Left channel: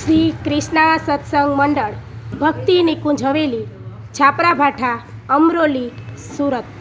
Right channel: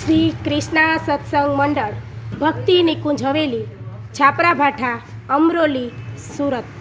શ્રી કૃષ્ણા સત્સંગ મંડળ ભક્તિ નિકુંજ હવેલી છાપરાભાઠા અમરોલી સુરત